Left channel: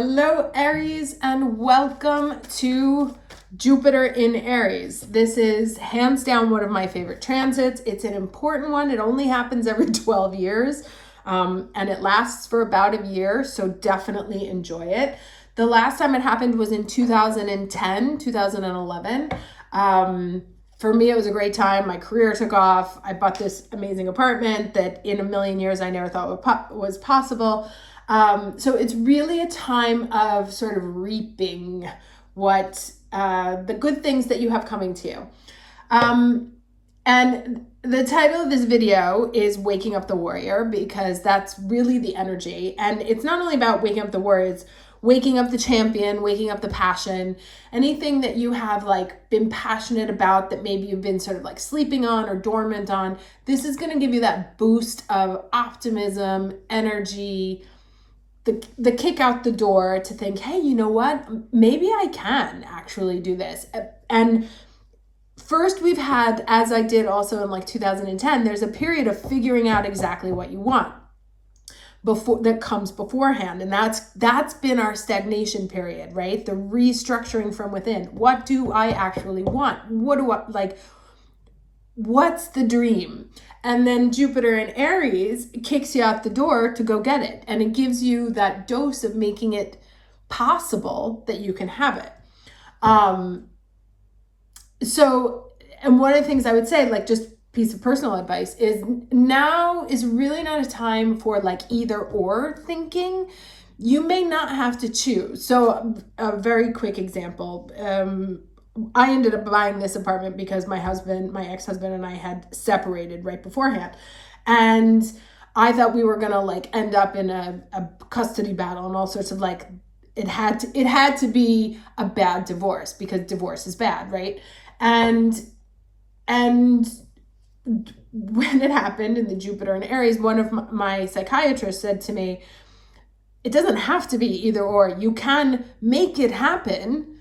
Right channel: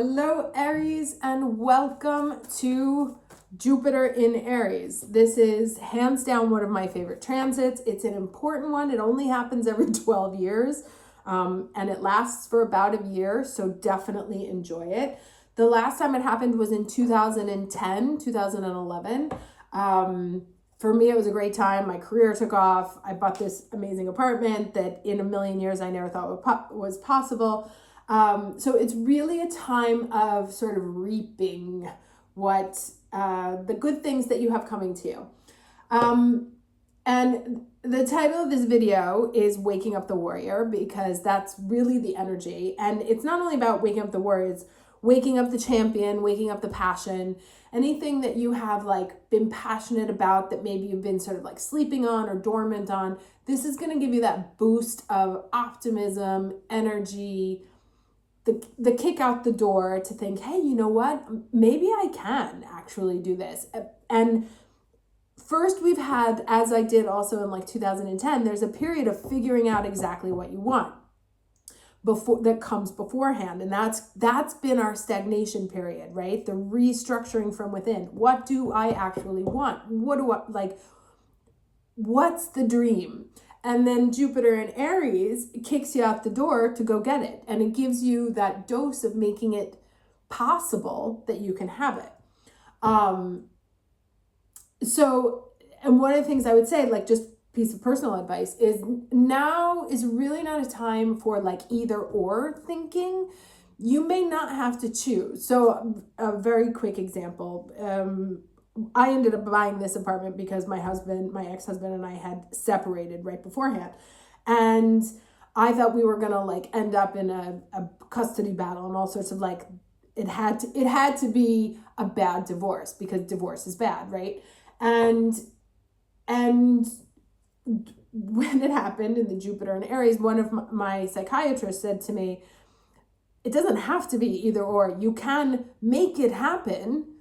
Hello, Aries, and welcome to Jupiter in Aries. This is hands down one of my favorite transits. It's an important one. It only happens every 12 years, and it lasts for about a year, so definitely enjoy it. The last time it happened was in 2011. For me, it was a great time. My career took off. I bought this amazing apartment that in a million years I never thought was possible. So it's really a time of sort of reaping what the good things that you have coming to you. And the title of this video is Waking Up the Warrior, because that's really the energy. And it's not only about waking up the warrior, it's waking up the champion, waking up the passion, anything that you have like been passionate about that maybe you've been sort of like sleeping on or dormant on. This is going to give you that boost of optimism, energy, the kick out the door to think, hey, you know what? Maybe I can actually do this. And first we've had, as I did also in like 2010, there's a period of figuring out exactly what you want before that comes beforehand. And that's been our stagnation period, right? The restructuring from within. What do I actually want? What's the dream? And then Jupiter in Aries kicks you out the door to go get it. And it gives you that dose of making it possible that you can have it. And one of the things I would say, like just piece of personal advice, is now is really not a time for like either or thinking. You may not have to choose. So a very quick example, I ended up buying this apartment because my ex-husband and I had separated right beforehand. And I thought we were going to like end up in a custody battle and all sorts of like, it had to be a bad divorce because divorce is bad, right? And when it happened in the Jupiter in Aries, one of my psychiatrists said to me, it doesn't have to be either or. You can make it happen.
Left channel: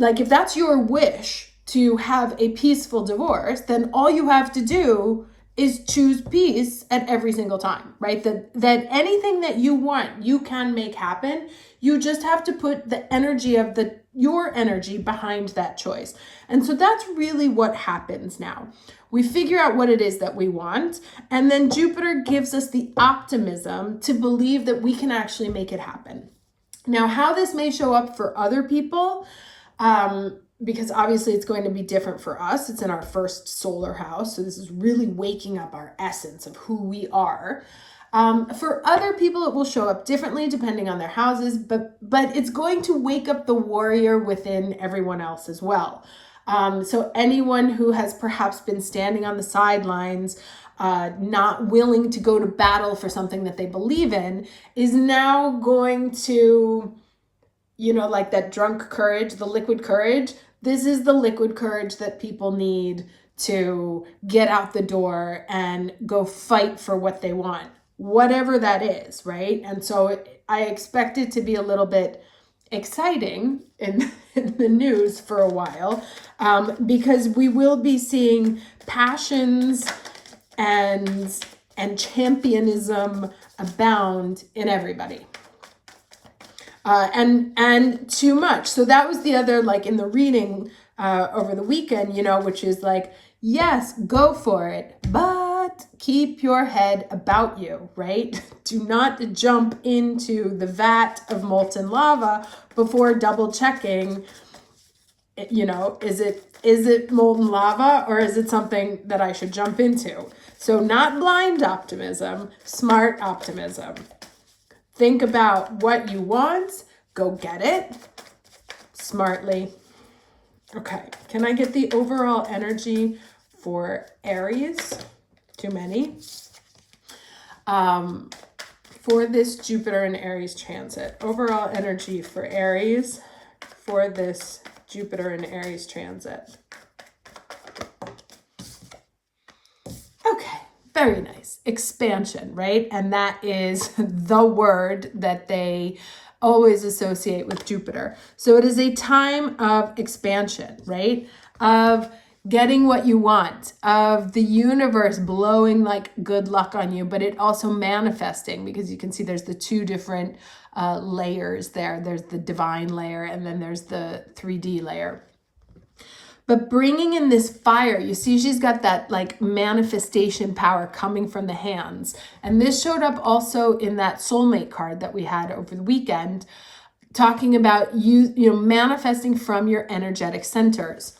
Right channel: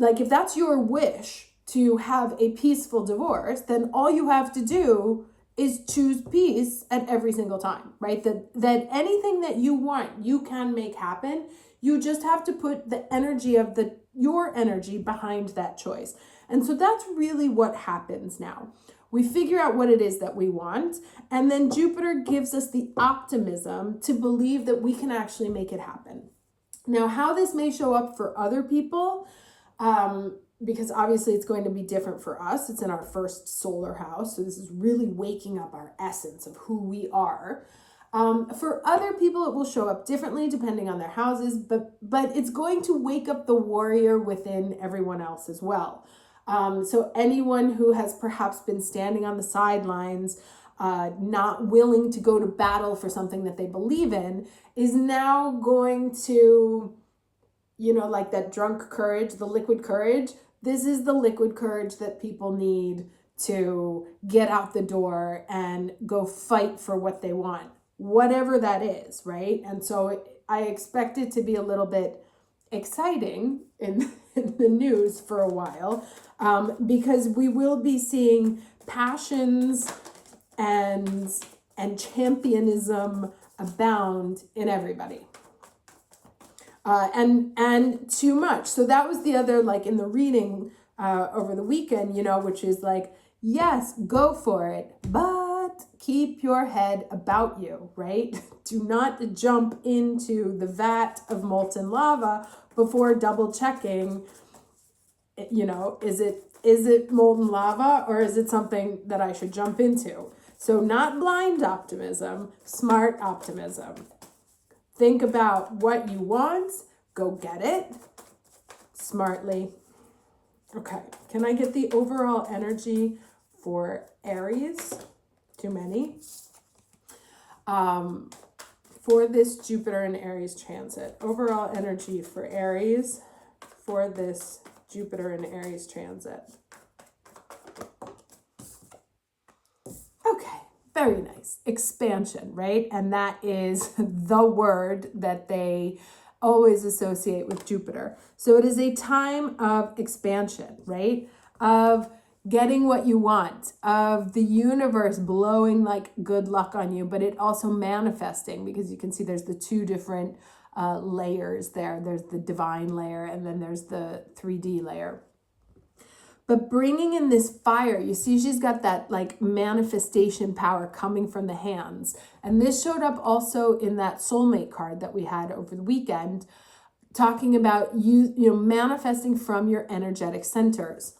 Like if that's your wish to have a peaceful divorce, then all you have to do is choose peace at every single time, right? That anything that you want, you can make happen. You just have to put the energy of your energy behind that choice. And so that's really what happens now. We figure out what it is that we want, and then Jupiter gives us the optimism to believe that we can actually make it happen. Now, how this may show up for other people, because obviously it's going to be different for us. It's in our first solar house. So this is really waking up our essence of who we are. For other people, it will show up differently depending on their houses, but it's going to wake up the warrior within everyone else as well. So anyone who has perhaps been standing on the sidelines, not willing to go to battle for something that they believe in, is now going to, like that drunk courage, the liquid courage. This is the liquid courage that people need to get out the door and go fight for what they want, whatever that is, right? And so I expect it to be a little bit exciting in the news for a while, because we will be seeing passions and championism abound in everybody. And too much. So that was the other, like in the reading over the weekend, which is like, yes, go for it, but keep your head about you, right? Do not jump into the vat of molten lava before double checking, is it molten lava or is it something that I should jump into? So not blind optimism, smart optimism. Think about what you want, go get it smartly. Okay, can I get the overall energy for Aries? Too many. For this Jupiter and Aries transit, overall energy for Aries for this Jupiter and Aries transit. Okay, very nice. Expansion, right? And that is the word that they always associate with Jupiter. So it is a time of expansion, right? Of getting what you want, of the universe blowing like good luck on you, but it also manifesting, because you can see there's the two different layers there. There's the divine layer and then there's the 3D layer. But bringing in this fire, you see she's got that like manifestation power coming from the hands. And this showed up also in that soulmate card that we had over the weekend, talking about you know, manifesting from your energetic centers,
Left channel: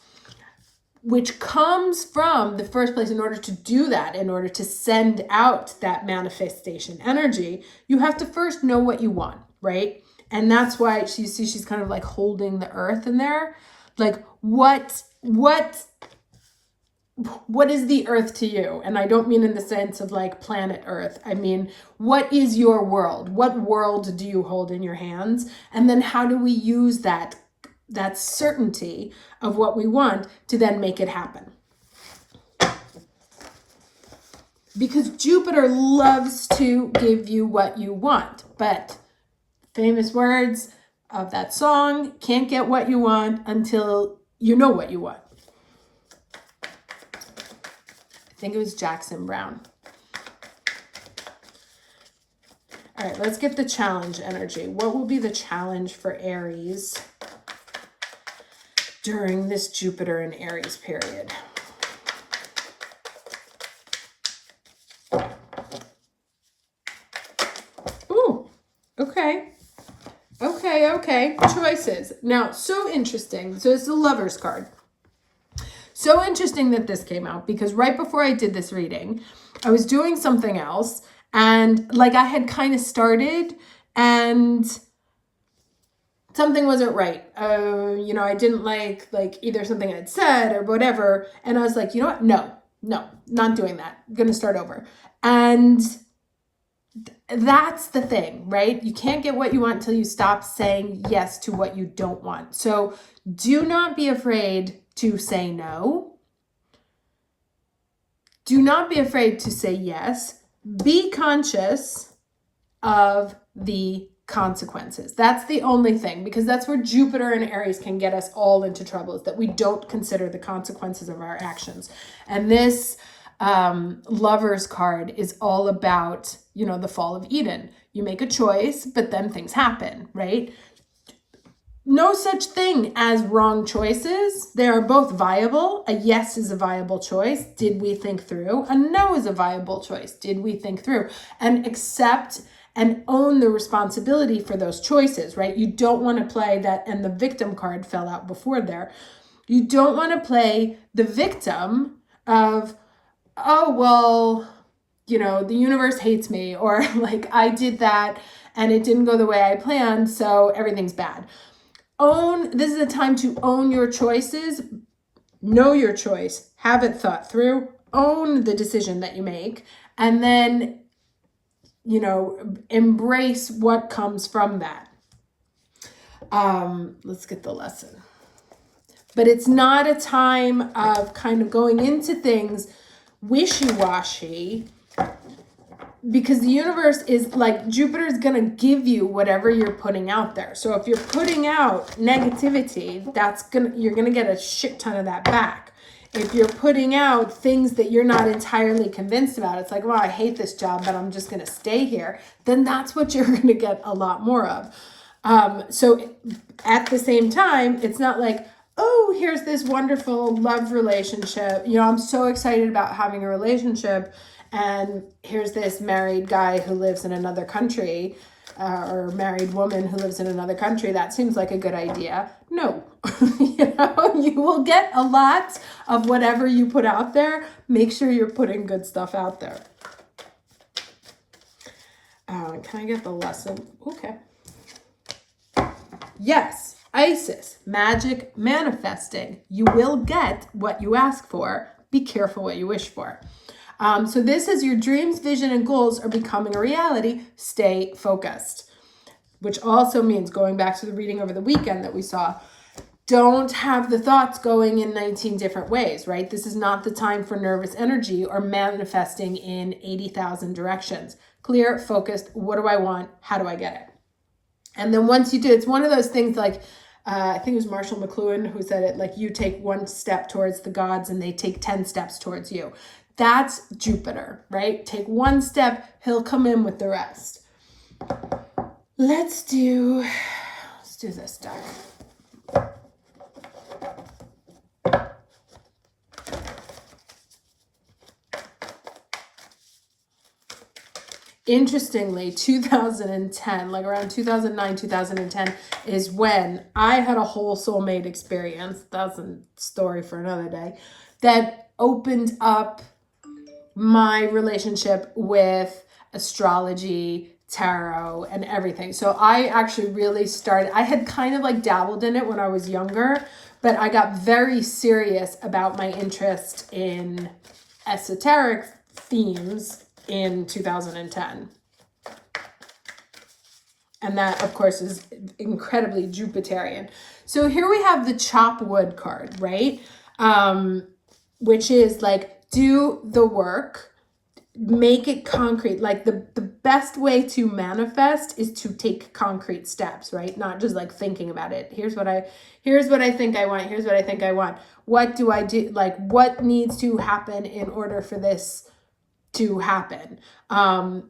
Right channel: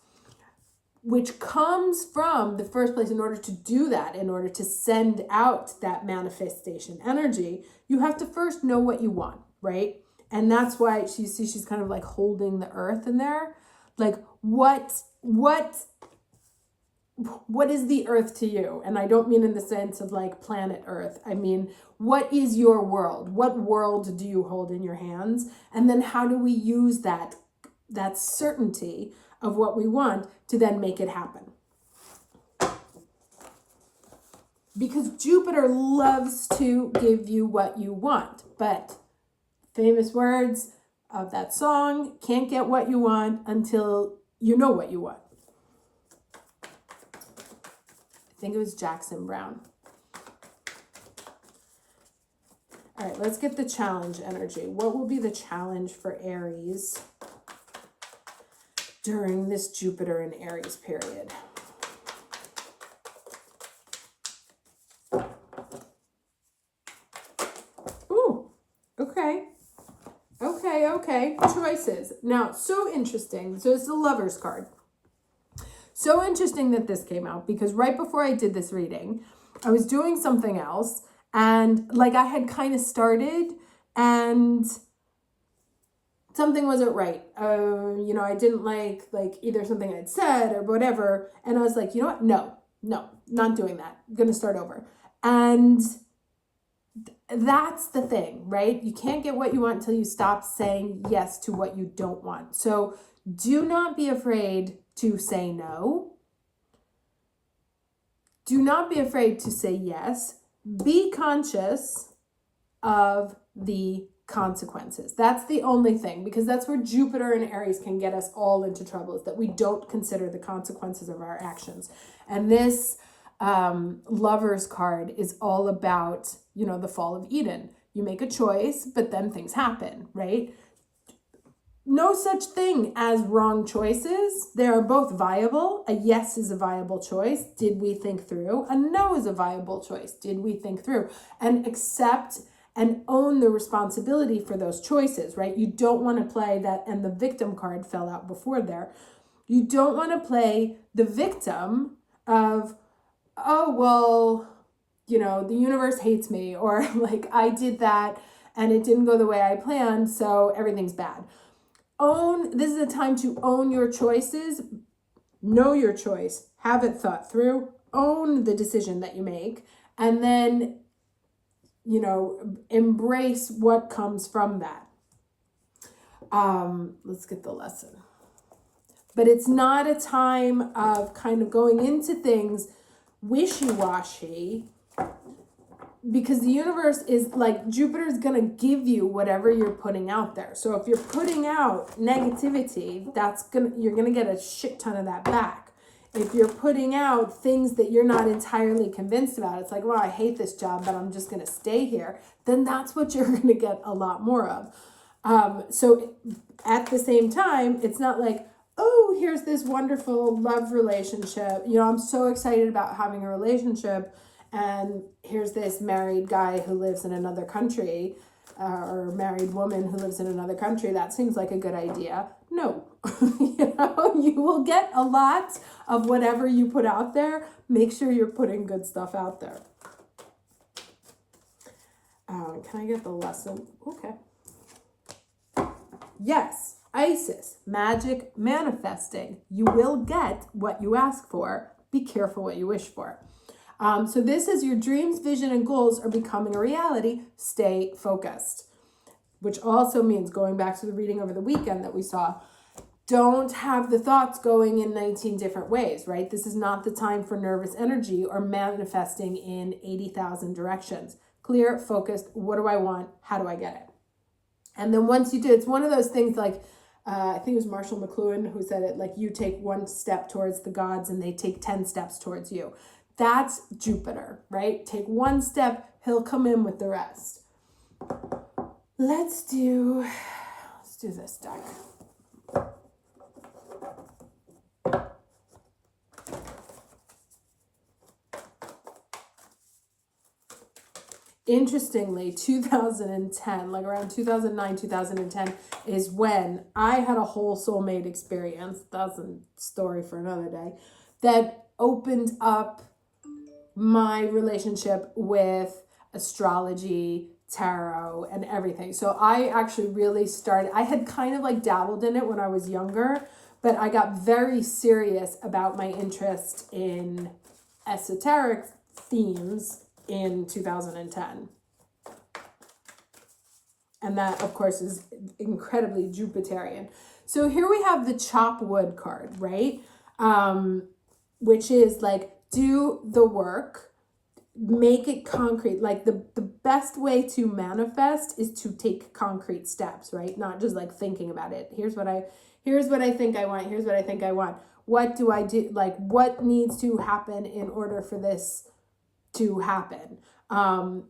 which comes from the first place. In order to do that, in order to send out that manifestation energy, you have to first know what you want, right? And that's why you see she's kind of like holding the earth in there. Like what is the earth to you? And I don't mean in the sense of like planet Earth. I mean, what is your world? What world do you hold in your hands? And then how do we use that certainty of what we want to then make it happen? Because Jupiter loves to give you what you want, but famous words of that song, can't get what you want until you know what you want. I think it was Jackson Brown. All right, let's get the challenge energy. What will be the challenge for Aries during this Jupiter and Aries period? Ooh, okay. Okay. Choices. Now, so interesting. So it's the Lover's card. So interesting that this came out, because right before I did this reading, I was doing something else, and like I had kind of started and something wasn't right. You know, I didn't like either something I'd said or whatever. And I was like, you know what? No, not doing that. I'm going to start over. And that's the thing, right? You can't get what you want until you stop saying yes to what you don't want. So do not be afraid to say no. Do not be afraid to say yes. Be conscious of the consequences. That's the only thing, because that's where Jupiter and Aries can get us all into trouble, is that we don't consider the consequences of our actions. And this Lover's card is all about, you know, the fall of Eden. You make a choice, but then things happen, right? No such thing as wrong choices. They are both viable. A yes is a viable choice. Did we think through? A no is a viable choice. Did we think through? And accept and own the responsibility for those choices, right? You don't want to play that, and the victim card fell out before there. You don't want to play the victim of, oh, well, you know, the universe hates me, or like I did that and it didn't go the way I planned, so everything's bad. This is a time to own your choices, know your choice, have it thought through, own the decision that you make, and then, you know, embrace what comes from that. Let's get the lesson. But it's not a time of kind of going into things wishy-washy, because the universe is like, Jupiter is going to give you whatever you're putting out there. So if you're putting out negativity, you're going to get a shit ton of that back. If you're putting out things that you're not entirely convinced about, it's like, well, I hate this job, but I'm just going to stay here, then that's what you're going to get a lot more of. So at the same time, it's not like, oh, here's this wonderful love relationship. You know, I'm so excited about having a relationship, and here's this married guy who lives in another country, or married woman who lives in another country. That seems like a good idea. No, you know, you will get a lot of whatever you put out there. Make sure you're putting good stuff out there. Can I get the lesson? Okay. Yes, Isis, magic manifesting. You will get what you ask for. Be careful what you wish for. So this is your dreams, vision, and goals are becoming a reality. Stay focused, which also means, going back to the reading over the weekend that we saw, don't have the thoughts going in 19 different ways, right? This is not the time for nervous energy or manifesting in 80,000 directions. Clear, focused. What do I want? How do I get it? And then once you do, it's one of those things like, I think it was Marshall McLuhan who said it, like, you take one step towards the gods and they take 10 steps towards you. That's Jupiter, right? Take one step, he'll come in with the rest. Let's do this deck. Interestingly, 2010, like around 2009, 2010 is when I had a whole soulmate experience. That's a story for another day. That opened up my relationship with astrology, tarot, and everything. So I actually really started, I had kind of like dabbled in it when I was younger, but I got very serious about my interest in esoteric themes in 2010. And that, of course, is incredibly Jupiterian. So here we have the Chopwood card, right? Which is like, do the work, make it concrete. Like the best way to manifest is to take concrete steps, right? Not just like thinking about it. Here's what I think I want. Here's what I think I want. What do I do? Like, what needs to happen in order for this to happen? And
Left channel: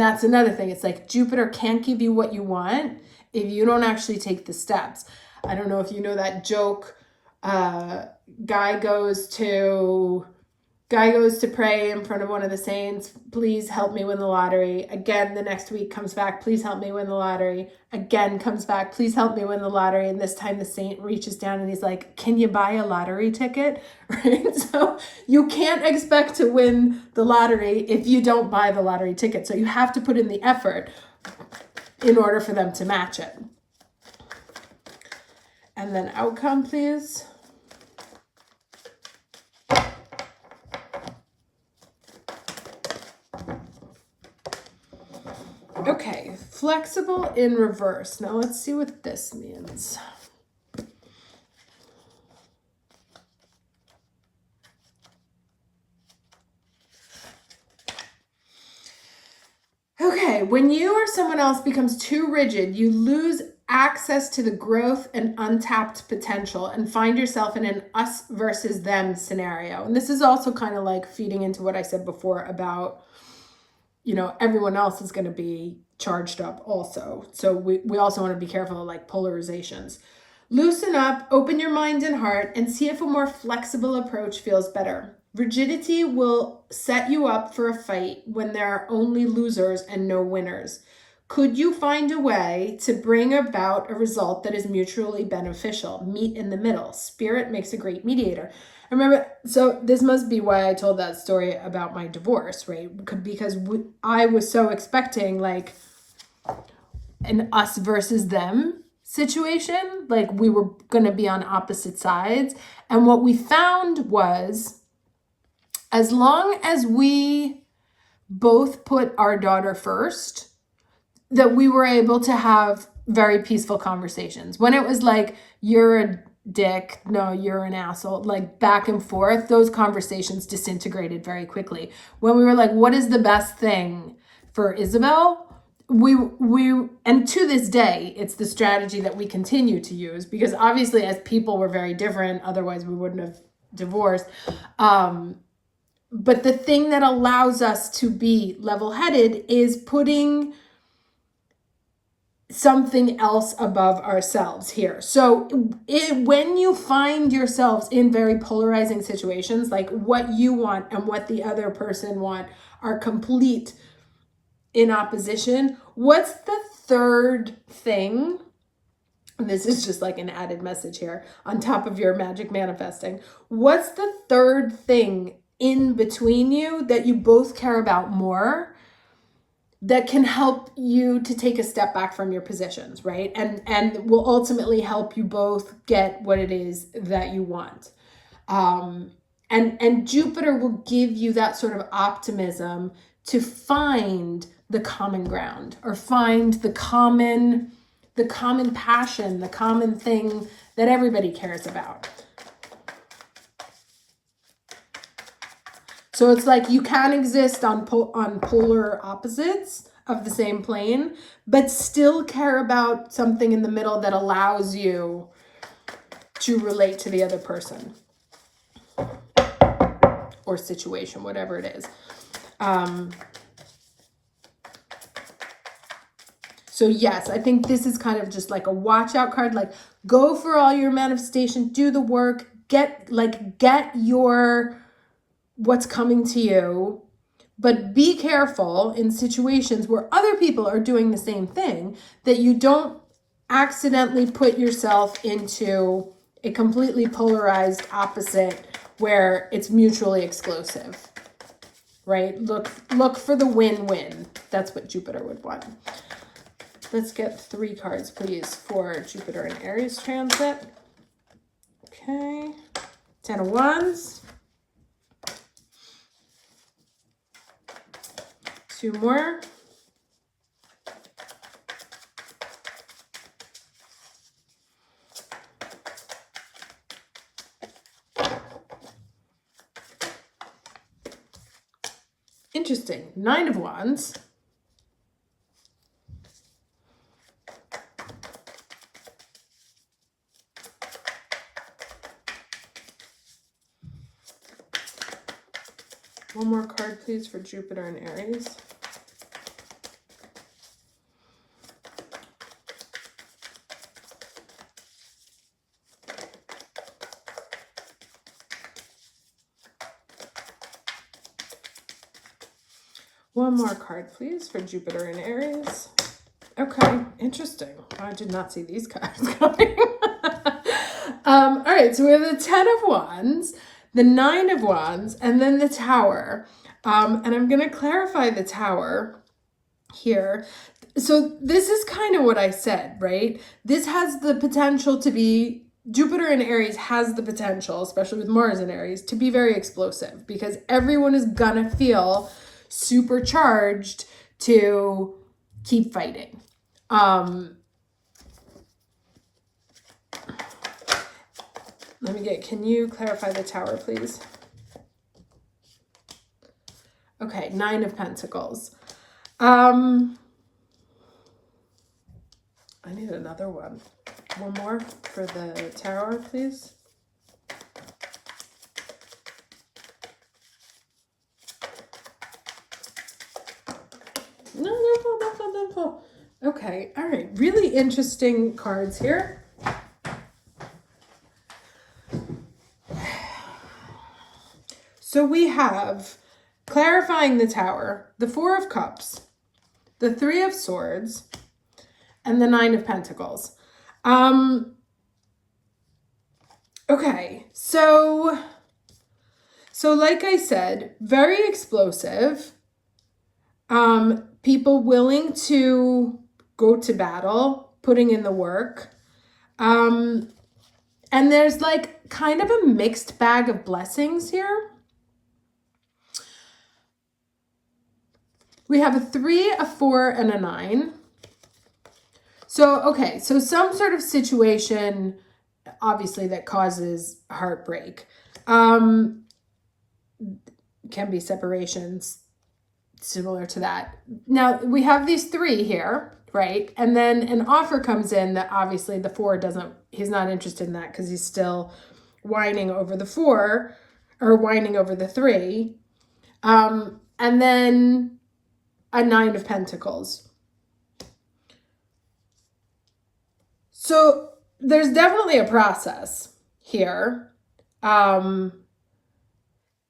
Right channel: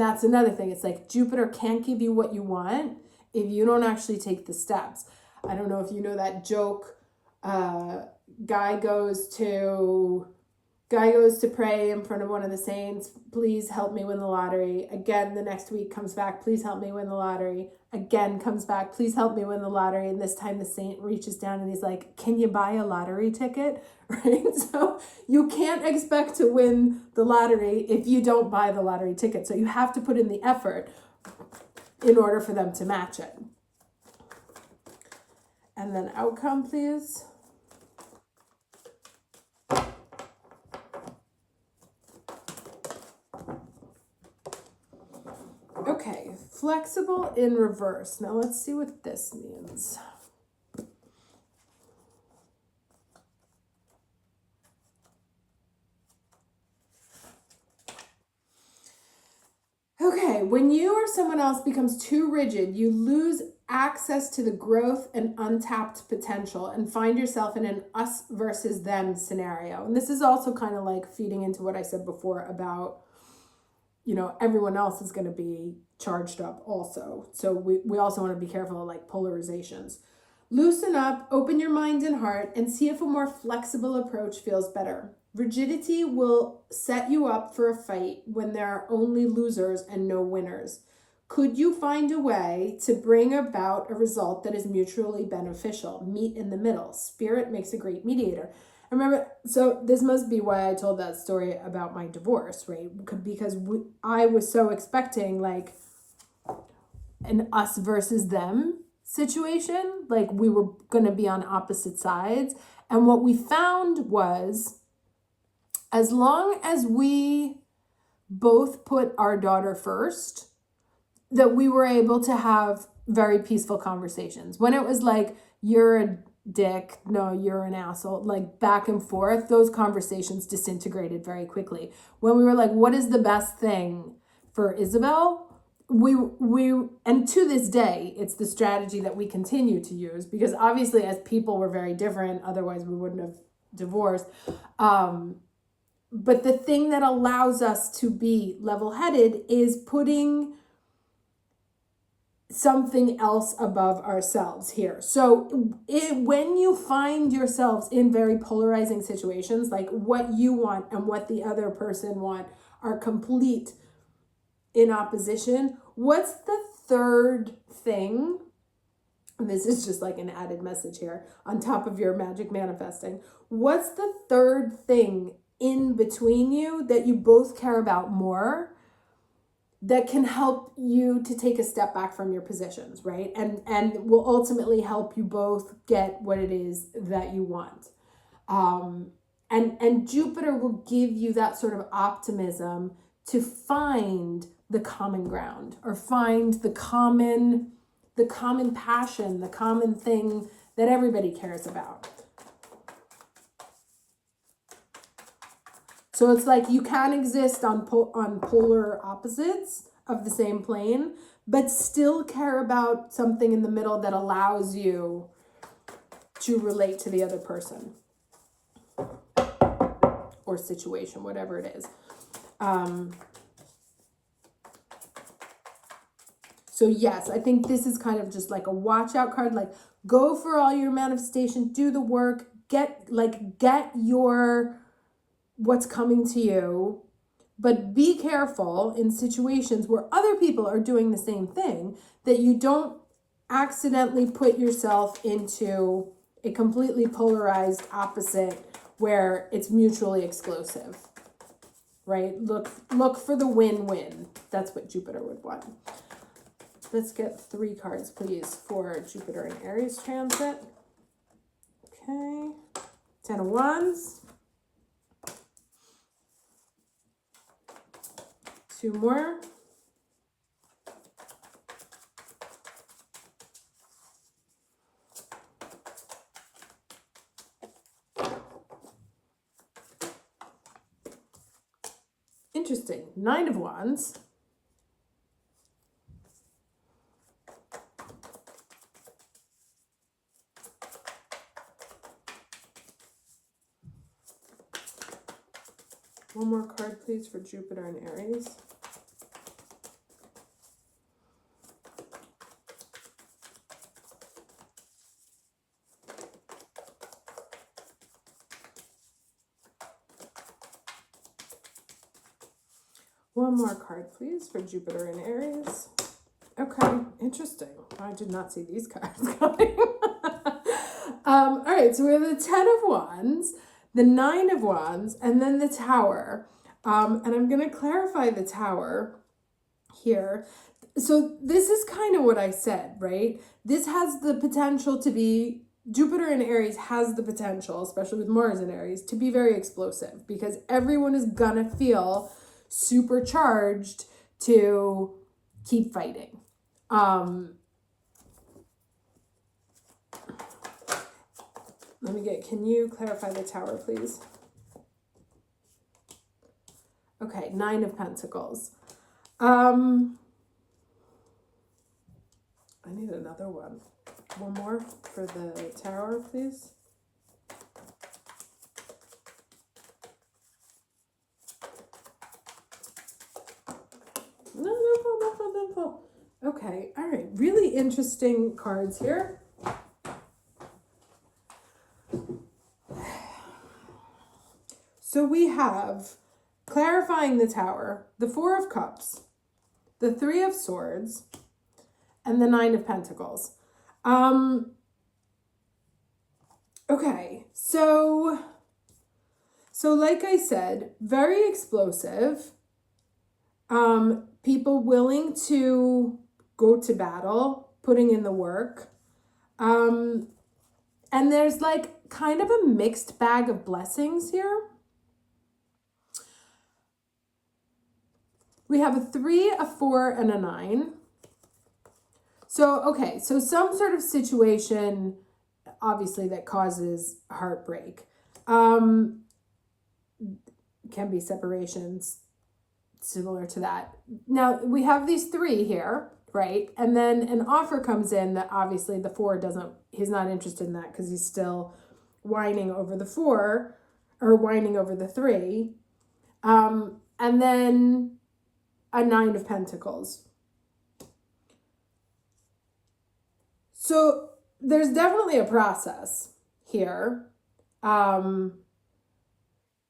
that's another thing. It's like Jupiter can't give you what you want if you don't actually take the steps. I don't know if you know that joke. Guy goes to pray in front of one of the saints. Please help me win the lottery. Again, the next week comes back. Please help me win the lottery. Again, comes back. Please help me win the lottery. And this time the saint reaches down and he's like, can you buy a lottery ticket? Right? So you can't expect to win the lottery if you don't buy the lottery ticket. So you have to put in the effort in order for them to match it. And then outcome, please. Okay, flexible in reverse. Now let's see what this means. Okay, when you or someone else becomes too rigid, you lose access to the growth and untapped potential and find yourself in an us versus them scenario. And this is also kind of like feeding into what I said before about, you know, everyone else is going to be charged up also. So we also want to be careful of like polarizations. Loosen up, open your mind and heart, and see if a more flexible approach feels better. Rigidity will set you up for a fight when there are only losers and no winners. Could you find a way to bring about a result that is mutually beneficial? Meet in the middle. Spirit makes a great mediator. I remember, so this must be why I told that story about my divorce, right? Because I was so expecting like an us versus them situation. Like we were going to be on opposite sides. And what we found was, as long as we both put our daughter first, that we were able to have very peaceful conversations. When it was like, you're a dick, no, you're an asshole, like back and forth, those conversations disintegrated very quickly. When we were like, what is the best thing for Isabel? We and to this day, it's the strategy that we continue to use, because obviously as people we're very different, otherwise we wouldn't have divorced. But the thing that allows us to be level-headed is putting something else above ourselves here. So when you find yourselves in very polarizing situations, like what you want and what the other person want are complete in opposition, what's the third thing? And this is just like an added message here on top of your magic manifesting. What's the third thing in between you that you both care about more, that can help you to take a step back from your positions, right? And will ultimately help you both get what it is that you want. And Jupiter will give you that sort of optimism to find the common ground, or find the common passion, the common thing that everybody cares about. So it's like you can exist on polar opposites, of the same plane, but still care about something in the middle that allows you to relate to the other person or situation, whatever it is. So yes, I think this is kind of just like a watch out card. Like, go for all your manifestation, do the work, get your what's coming to you, but be careful in situations where other people are doing the same thing, that you don't accidentally put yourself into a completely polarized opposite where it's mutually exclusive, right? Look for the win-win. That's what Jupiter would want. Let's get 3 cards, please, for Jupiter and Aries transit. Okay. 10 of Wands. 2 more. Interesting. 9 of Wands. One more card, please, for Jupiter and Aries. One more card, please, for Jupiter and Aries. Okay, interesting. I did not see these cards coming. All right, so we have the 10 of Wands, the 9 of Wands, and then the Tower. And I'm going to clarify the Tower here. So this is kind of what I said, right? This has the potential to be, Jupiter in Aries has the potential, especially with Mars in Aries, to be very explosive, because everyone is going to feel supercharged to keep fighting. Can you clarify the Tower, please? Okay, 9 of Pentacles. I need another one. One more for the Tower, please. No. Okay, all right. Really interesting cards here. So we have clarifying the Tower, the 4 of Cups, the 3 of Swords, and the 9 of Pentacles. Okay, so like I said, very explosive. People willing to go to battle, putting in the work. And there's like kind of a mixed bag of blessings here. We have a 3, a 4, and a 9. So, okay, so some sort of situation, obviously, that causes heartbreak. Can be separations similar to that. Now, we have these 3 here, right? And then an offer comes in that obviously the 4 he's not interested in that because he's still whining over the 4 or whining over the 3. And then a 9 of Pentacles. So there's definitely a process here. And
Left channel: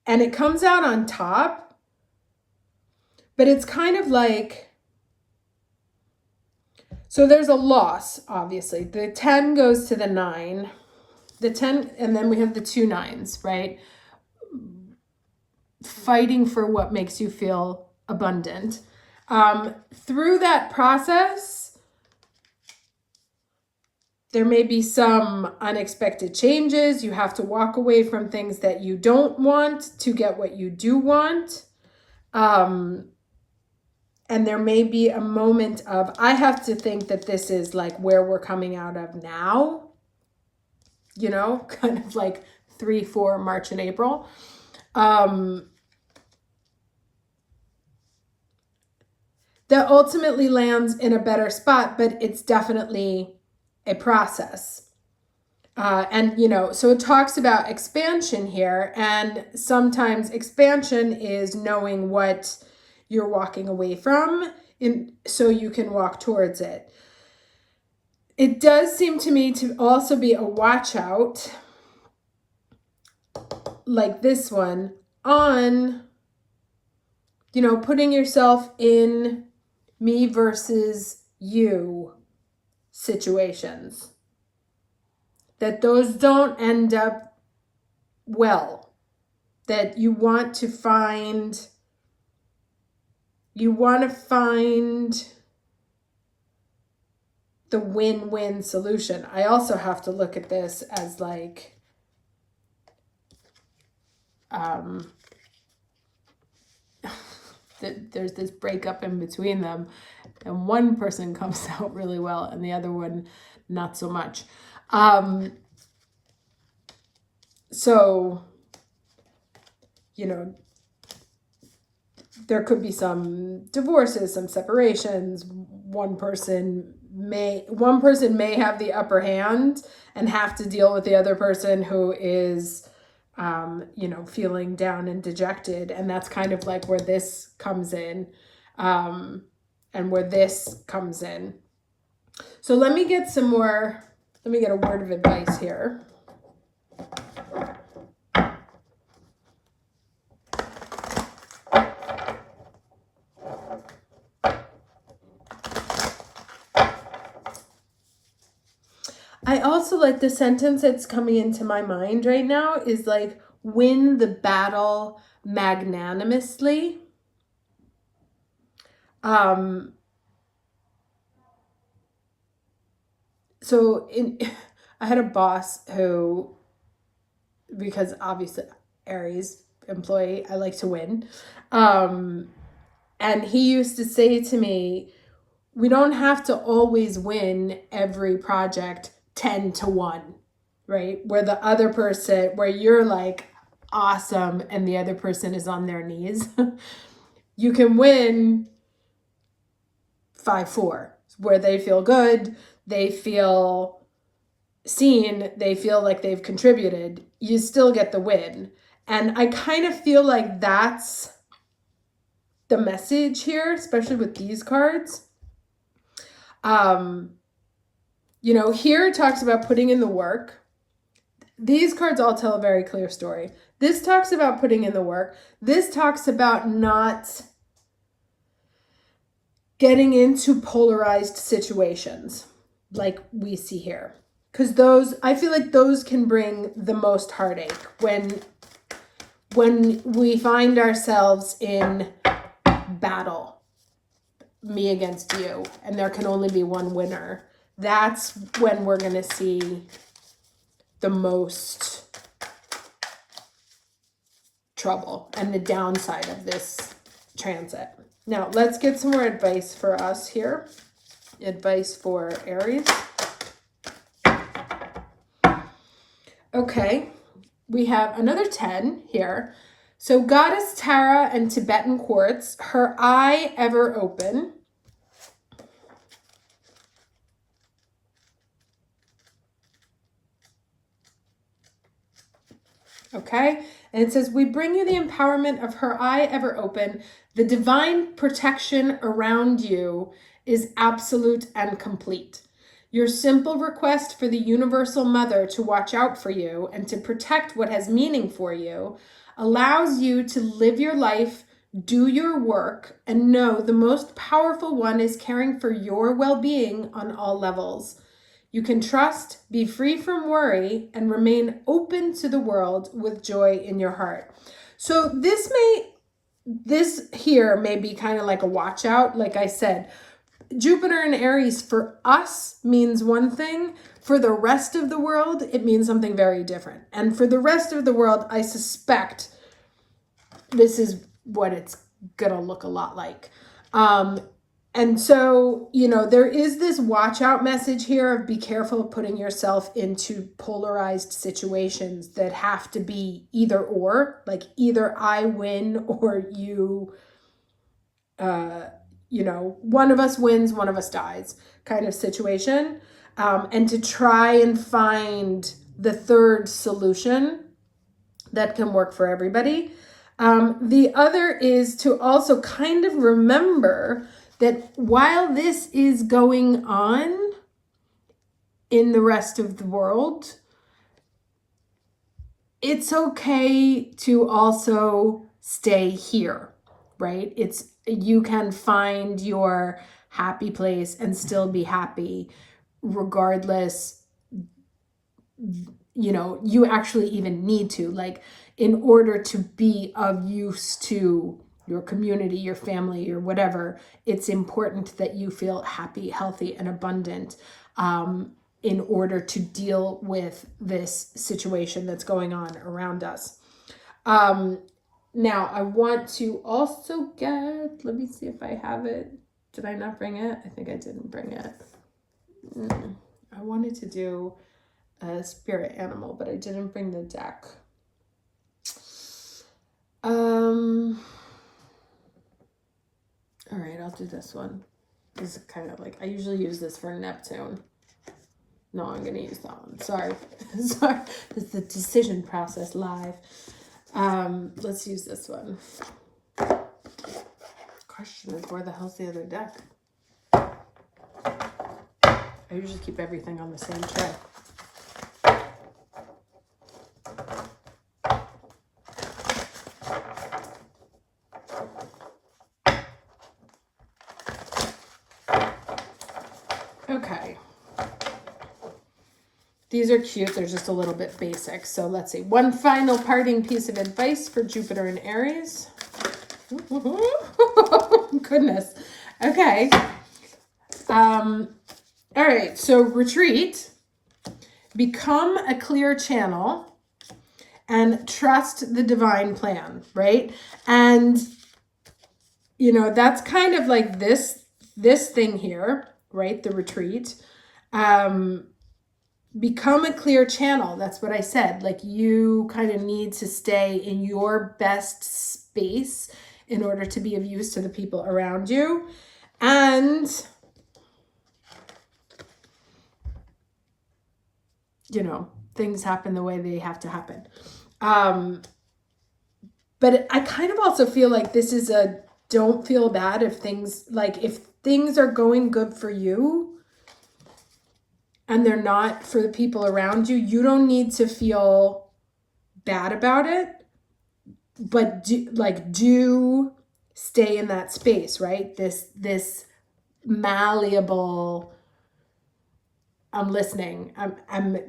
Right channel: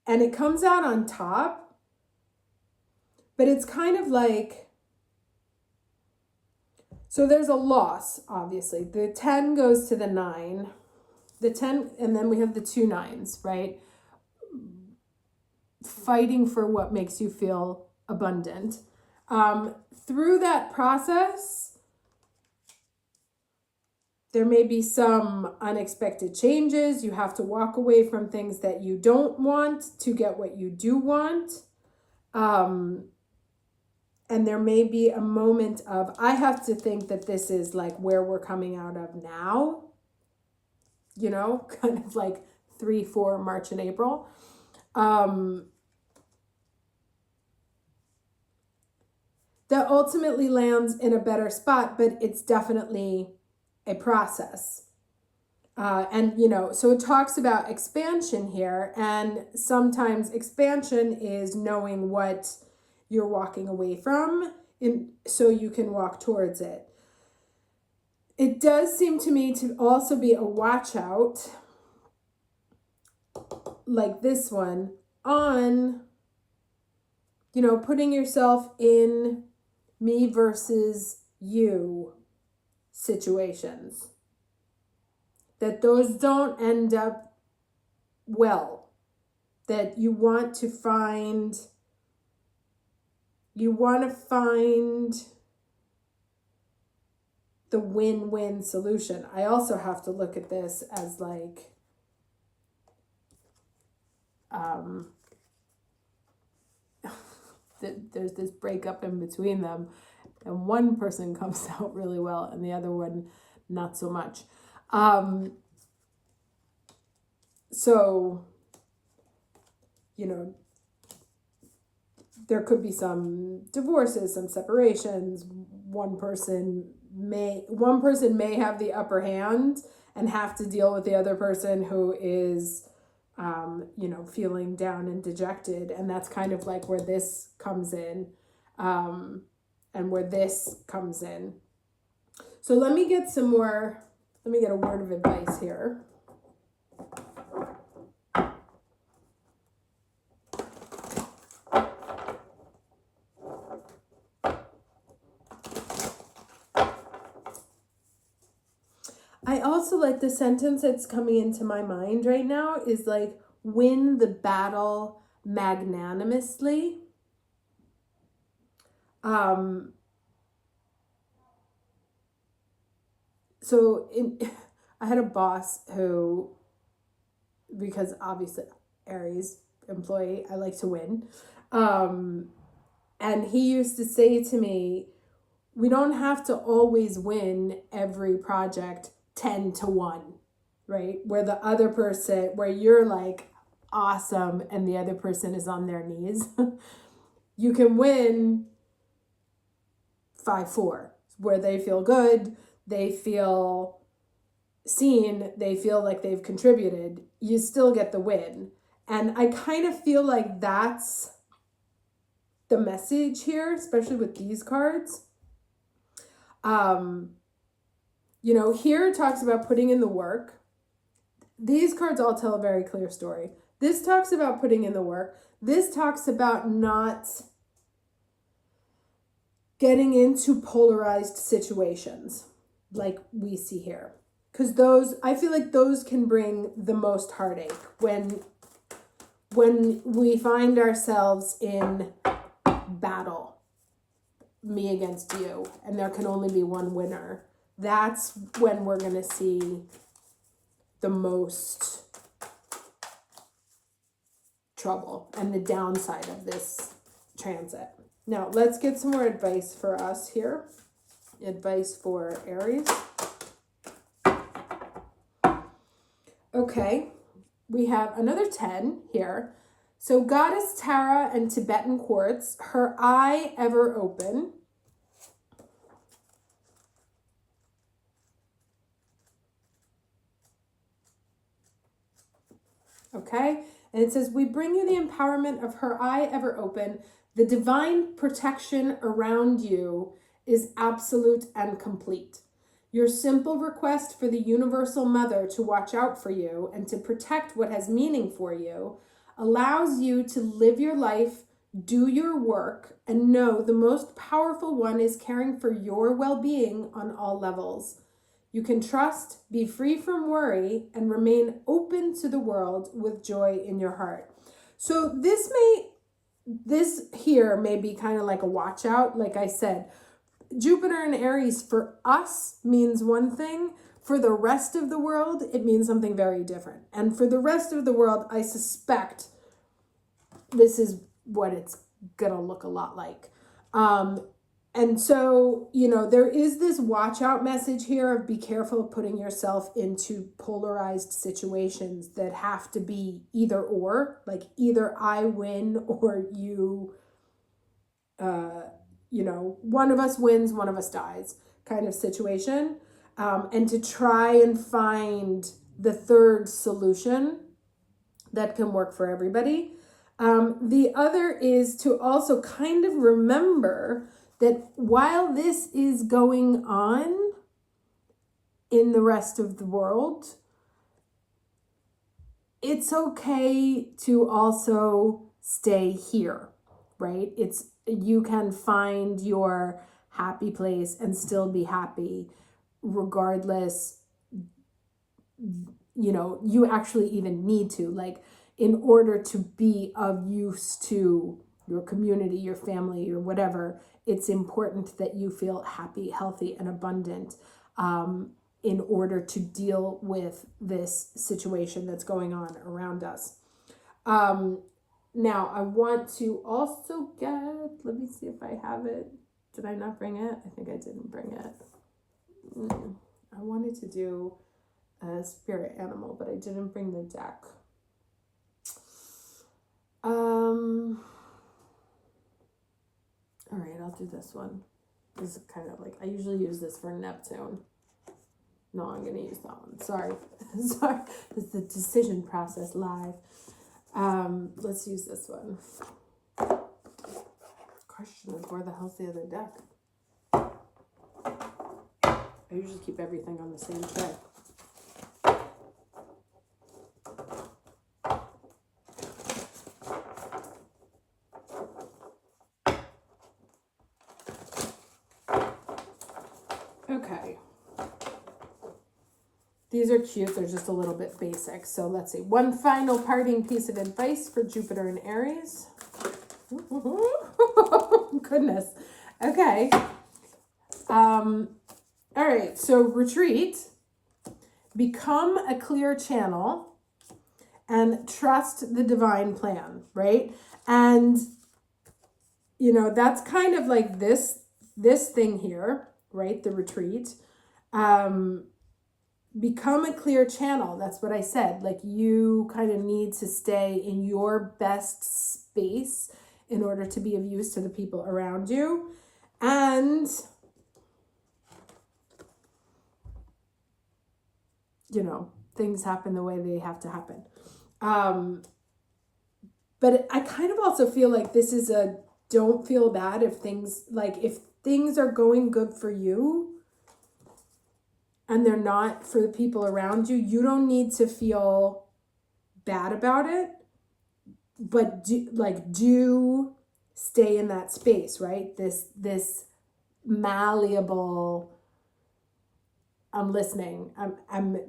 it comes out on top, but it's kind of like, so there's a loss, obviously. The 10 goes to the 9, the 10, and then we have the 2 9s, right? Fighting for what makes you feel abundant. Through that process, there may be some unexpected changes. You have to walk away from things that you don't want to get what you do want. And there may be a moment of, I have to think that this is like where we're coming out of now, you know, kind of like 3, 4, March and April. that ultimately lands in a better spot, but it's definitely a process. And, you know, so it talks about expansion here, and sometimes expansion is knowing what you're walking away from so you can walk towards it. It does seem to me to also be a watch out, like this one, on, you know, putting yourself in me versus you situations. That those don't end up well. That you want to find the win-win solution. I also have to look at this as like, there's this breakup in between them, and one person comes out really well and the other one not so much. So, you know, there could be some divorces, some separations. One person may have the upper hand and have to deal with the other person who is, you know, feeling down and dejected. And that's kind of like where this comes in, and where this comes in. So let me get a word of advice here. I also like the sentence that's coming into my mind right now is like, win the battle magnanimously. So I had a boss who, because obviously Aries employee, I like to win. And he used to say to me, we don't have to always win every project 10-1, right? Where you're like awesome and the other person is on their knees. You can win 5-4, where they feel good, they feel seen, they feel like they've contributed. You still get the win. And I kind of feel like that's the message here, especially with these cards. You know, here it talks about putting in the work. These cards all tell a very clear story. This talks about putting in the work. This talks about not getting into polarized situations like we see here. Because I feel like those can bring the most heartache when we find ourselves in battle, me against you, and there can only be one winner. That's when we're going to see the most trouble and the downside of this transit. Now, let's get some more advice for us here. Advice for Aries. Okay, we have another 10 here. So Goddess Tara and Tibetan Quartz, her eye ever open. Okay, and it says, we bring you the empowerment of her eye ever open. The divine protection around you is absolute and complete. Your simple request for the universal mother to watch out for you and to protect what has meaning for you allows you to live your life, do your work, and know the most powerful one is caring for your well-being on all levels. You can trust, be free from worry, and remain open to the world with joy in your heart. So this here may be kind of like a watch out. Like I said, Jupiter in Aries for us means one thing. For the rest of the world, it means something very different. And for the rest of the world, I suspect this is what it's gonna look a lot like. And so, you know, there is this watch out message here of be careful of putting yourself into polarized situations that have to be either or, like either I win or you one of us wins, one of us dies kind of situation. And to try and find the third solution that can work for everybody. The other is to also kind of remember that while this is going on in the rest of the world, it's okay to also stay here, right? You can find your happy place and still be happy regardless. You actually even need to, like, in order to be of use to your community, your family, or whatever, it's important that you feel happy, healthy, and abundant in order to deal with this situation that's going on around us. Now, I want to also let me see if I have it. Did I not bring it? I think I didn't bring it. I wanted to do a spirit animal, but I didn't bring the deck. All right, I'll do this one. This is kind of like, I usually use this for Neptune. No, I'm going to use that one. Sorry. Sorry. This is the decision process live. Let's use this one. Question is, where the hell's the other deck? I usually keep everything on the same tray. Okay. These are cute. They're just a little bit basic. So let's see. One final parting piece of advice for Jupiter and Aries. Goodness. Okay. All right. So retreat. Become a clear channel and trust the divine plan, right? And, that's kind of like this thing here, right? The retreat. Become a clear channel. That's what I said. Like, you kind of need to stay in your best space in order to be of use to the people around you. And, things happen the way they have to happen. But I kind of also feel like this is don't feel bad if things are going good for you and they're not for the people around you. You don't need to feel bad about it, but do stay in that space, right? This malleable, I'm listening.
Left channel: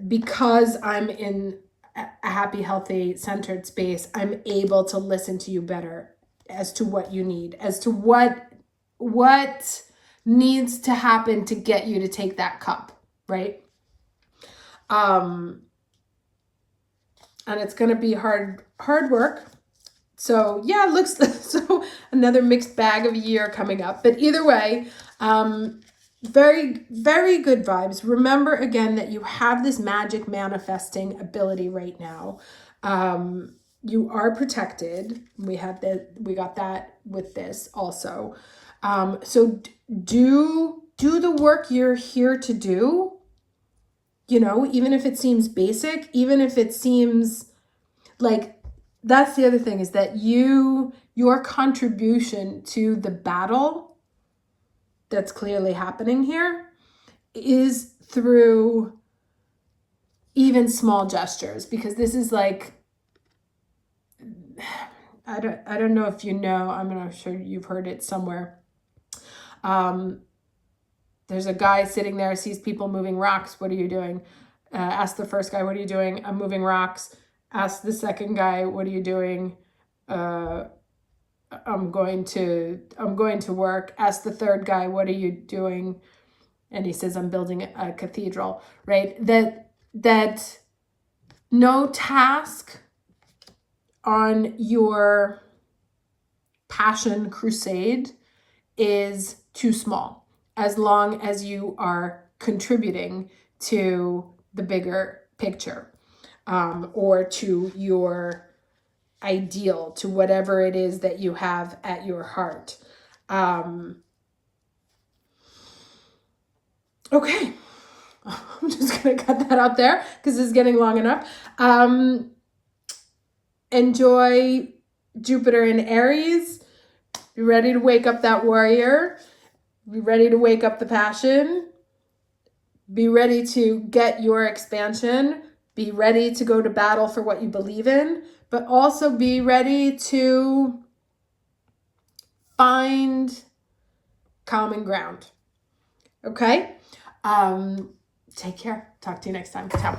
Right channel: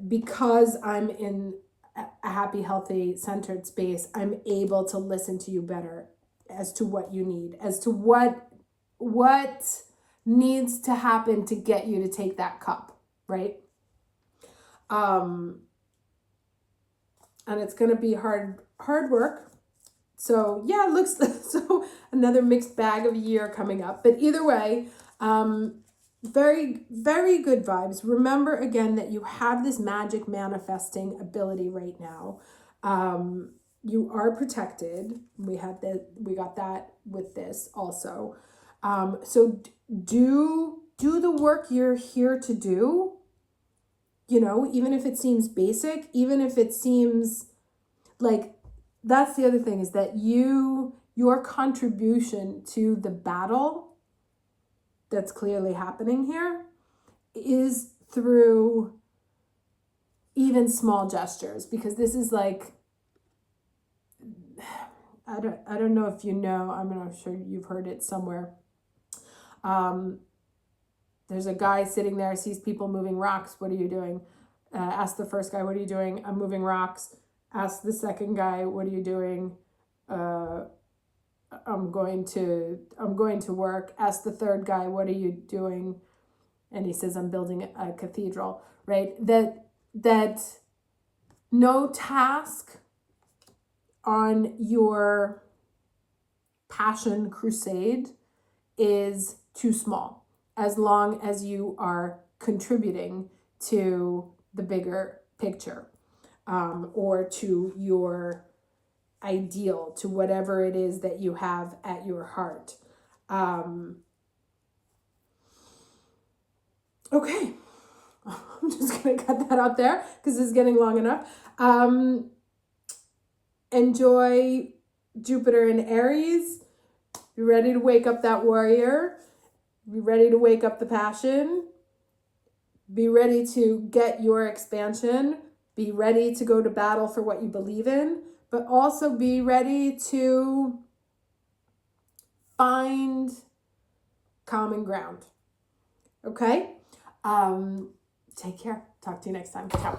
Because I'm in a happy, healthy, centered space, I'm able to listen to you better as to what you need, as to what needs to happen to get you to take that cup, right? And it's going to be hard work. So yeah, it looks so another mixed bag of a year coming up, but either way, very, very good vibes. Remember again that you have this magic manifesting ability right now. You are protected. We got that with this also. So do the work you're here to do. Even if it seems basic, even if it seems like, that's the other thing, is that your contribution to the battle that's clearly happening here is through even small gestures, because this is like, I don't know if I'm not sure you've heard it somewhere. There's a guy sitting there, sees people moving rocks. What are you doing? Ask the first guy, what are you doing? I'm moving rocks. Ask the second guy, what are you doing? I'm going to work. Ask the third guy, what are you doing? And he says, I'm building a cathedral, right? That no task on your passion crusade is too small, as long as you are contributing to the bigger picture, or to your ideal, to whatever it is that you have at your heart. Okay. I'm just going to cut that out there because it's getting long enough. Enjoy Jupiter in Aries. Be ready to wake up that warrior. Be ready to wake up the passion. Be ready to get your expansion. Be ready to go to battle for what you believe in, but also be ready to find common ground. Okay? Take care. Talk to you next time. Ciao.